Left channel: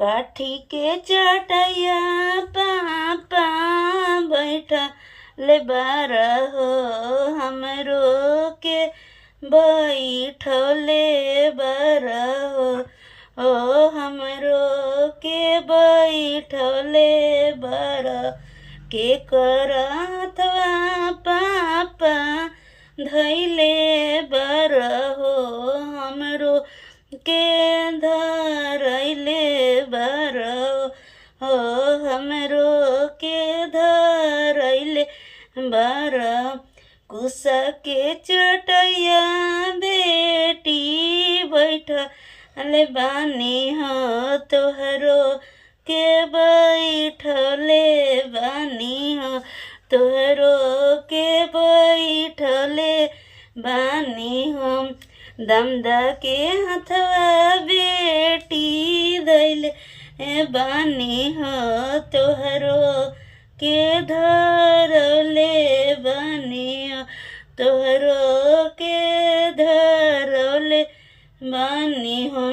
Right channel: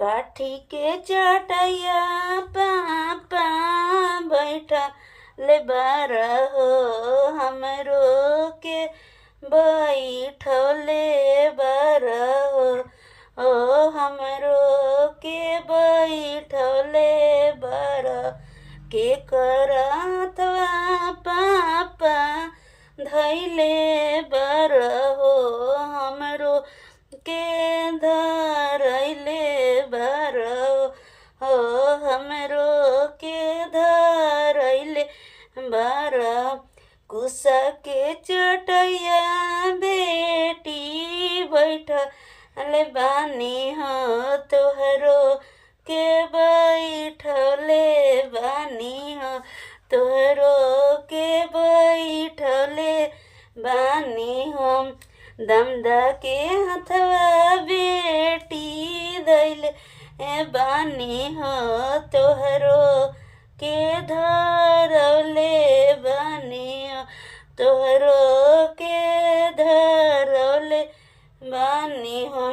काठी के चटैया पापा बैठा ले बारा हो हमरो के बैठले बारा हो हमरो के बैठले बारा के करतवा पापा धैले बारा हो हमरो के धरैले बारा हो हमरो के धरैले बारा कुसा के चटैया बेटी बैठले बानी हो तोहरो के बैठले बानी हो तोहरो के बैठले बानी हो दमदा के हथवा बेटी दैले बानी हो तोहरो के धरले बानी हो तोहरो के धरले बानी हो